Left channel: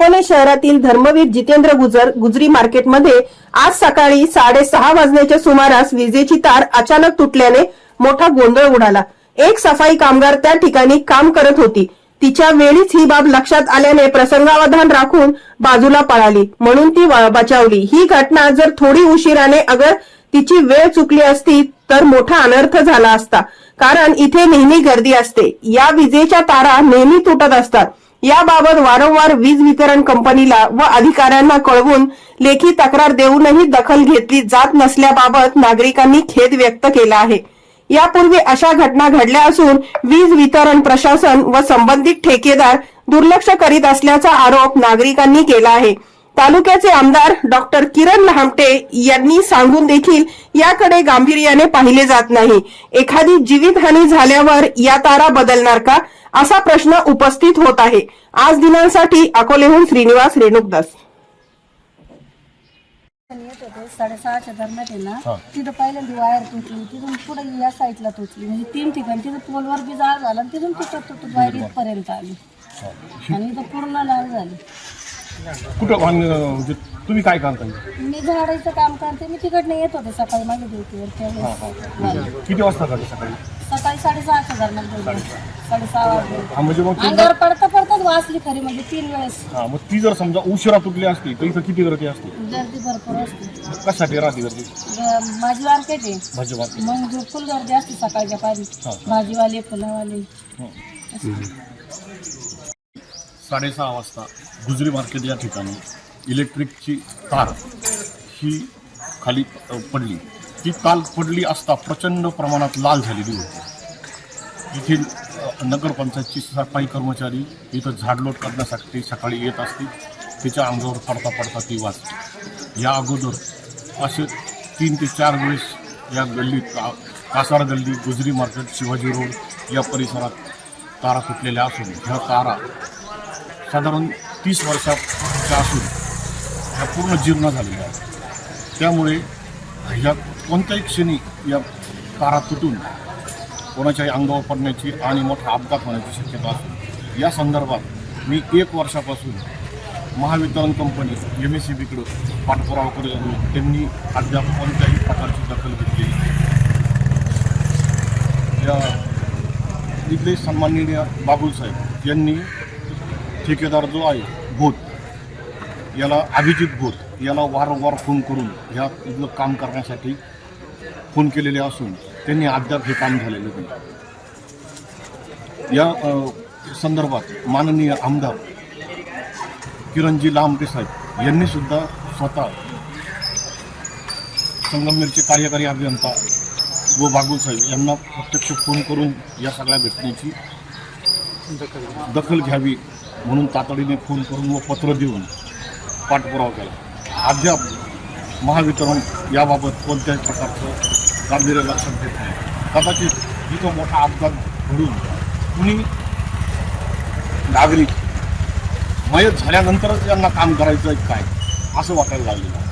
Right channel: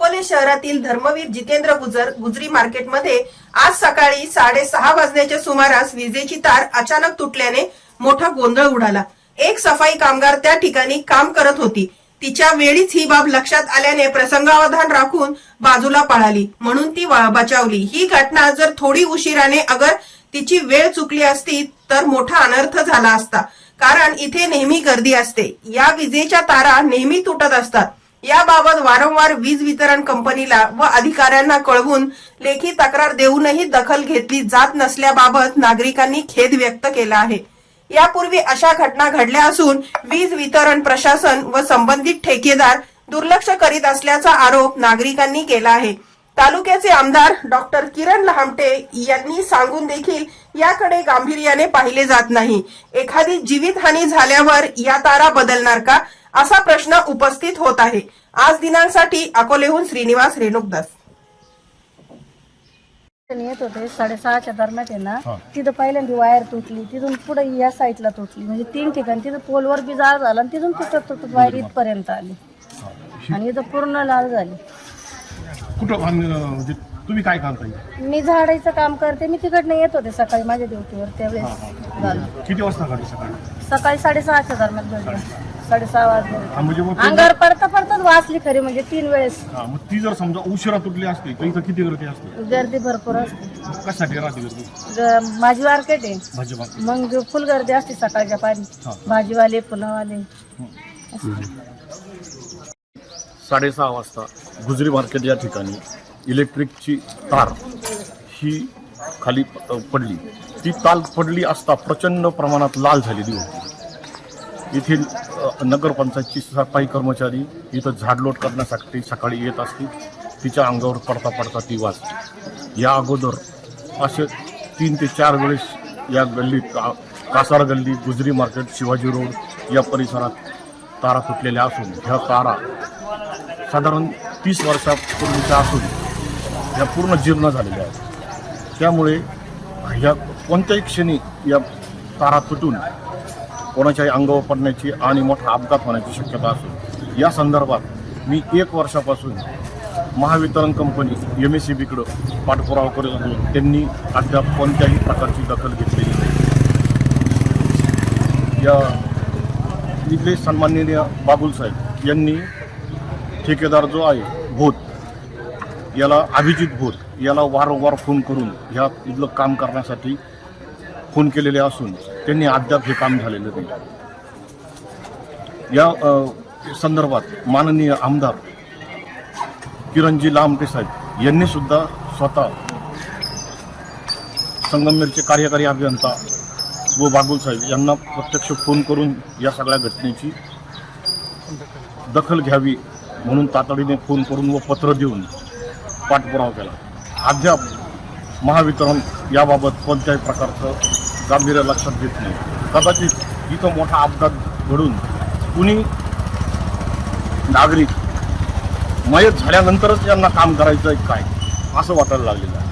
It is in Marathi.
अकोले शहरातील धर्मवीर जितेंद्र गुजर गुजरी मार्केटमध्ये आज सकाळी साडेसहा वाजण्याच्या सुमारास विजेची तार अचानक तुटल्याने मोठा गोंधळ उडाला. एक सफाई कामगार त्या ठिकाणी काम करत होती. तिच्या वेळीच ही बाब लक्षात आल्याने प्रसंगावधान राखून बाजूला पळाली. म्हणून ती बचावली. ही घटना जर थोडी उशिराने अगर तिची वेळ चुकली असती तर मोठा अनर्थ झाला असता. कारण इथे नेहमी गर्दी असते. या विजेच्या तारा नेहमी तुटत असतात. याबाबत वारंवार वीज वितरण कंपनीला व अधिकाऱ्यांना कळवून लेखी तक्रार देऊनही दखल घेतली जात नसल्याबाबत नागरिकांनी खेद व्यक्त केला आहे. यापूर्वी अशा घटना घडल्या असून वीज वितरण प्रशासन व संबंधित ठेकेदार दुर्लक्ष करीत असल्याचा आरोप नागरिकांनी केला आहे. तालुक्याचे आमदार डॉक्टर किरण लहामटे यांनी सांगून देखील याकडे गांभीर्याने पाहिले जात नाही. एखादी जीवितहानी झाल्यावर या तारा बदलणार का? असा प्रश्न उपस्थित होत आहे. आज दिनांसाठी अकोलेहून श्रीनिवास रेणुकदास येत होते साडेसहाच्या दरम्यान आहे ना. तिथं पहिल्यांदा वायर तुटली तिथून पुढे या साईडला तुटली. म्हणजे तीन ठिकाणी तिथं पोलवर बी जाळ झाला आणि तिथून तुटत तुटत वायर इथपर्यंत आली. आणि इथं पूर्ण लाल झाली. कुठं अं, म्हणजे तुम्ही काय करताय? मी झाडायचं काम करते. मी तिकडनं येत होते सकाळी माझ्या ड्युटीवर. त्यावेळेस झालं. किती वाजता झालं सकाळी? सकाळी साडेसहाच्या दरम्यान साडेसहा. वाजले. हा म्हणजे मग ते- अंगावर पडता पडताच वाचली खरी म्हणजे तीन वेळेस. हा मग ती जर समजा उशिरा तुटली असती तर इथं किती गर्दी असते? गर्दी भरपूर असते. कशासाठी राहते गर्दी? ग- माझी मार्केट आहे. भाजपा मग जो फुल गर्दी असते सकाळच्या हा. भाजीवाले फुलंवाले. साडेसहा वाजता गुजरी मार्केट या ठिकाणी इलेक्ट्रिकची तार ही खाली पडली. ती ताल पडली असता प्रचंड प्रमाणात लाल झालेली होती. येथील नगरपंचायतची सफाई कर्मचारी इथं झाडलोट करण्यासाठी सकाळी येत असते तिच्या अंगावर पडता पडता ती वाचली या अगोदर असे तीन ते चार वेळेस या गल्लीत का कासार गल्ली गुजरी मार्केट शिवाजी रोड या परिसरात तारा फुटलेल्या असून ह्या तारा साधारण तीस वर्षापूर्वीच्या असून ह्या पूर्ण जीर्ण झालेल्या आहेत. त्यामुळे ह्या कोणत्याही क्षणी या तारा तुटून कोणाच्याही अंगावर पडण्याची आणि मोठा अपघात होण्याची शक्यता असून या संदर्भात मी एक वर्षापासून Mahavitaran company M S C बीकडं पाठपुरावा करत होतो. त्यांनी अद्याप कोणत्याही प्रकारची दखल घेतलेली नाही. या इथले सन्माननीय बाबुल साहेब यांनी ठेकेदार जो आहे भूत याला अभिजित भूत याला वारंवार फोन करून ह्या इथलं काम करण्यासाठी फोन केलेले असून त्यांनी अद्याप हे काम झालेलं नाही. या संदर्भात माननीय आमदार किरणजी लामटे साहेब यांनी सुद्धा स्वतः संगमनेरचे कार्यकारी अभियंता व बागुल साहेब यांना प्रत्यक्ष फोन करून या सगळ्या घटनेची दखल घ्यावी म्हणून तातडीने फोन करून व पत्र देऊन पाठपुरावा केला. अद्याप महावितरण याबाबत कोणत्याही प्रकारचं गांभीर्य लक्षात घेत नाही. कदाचित इथं मोठा अपघात घडून कुणी नागरिक मयत झाल्यानंतरच यांना काम करायचं आहे काय असं वाटायला लागलेलं आहे.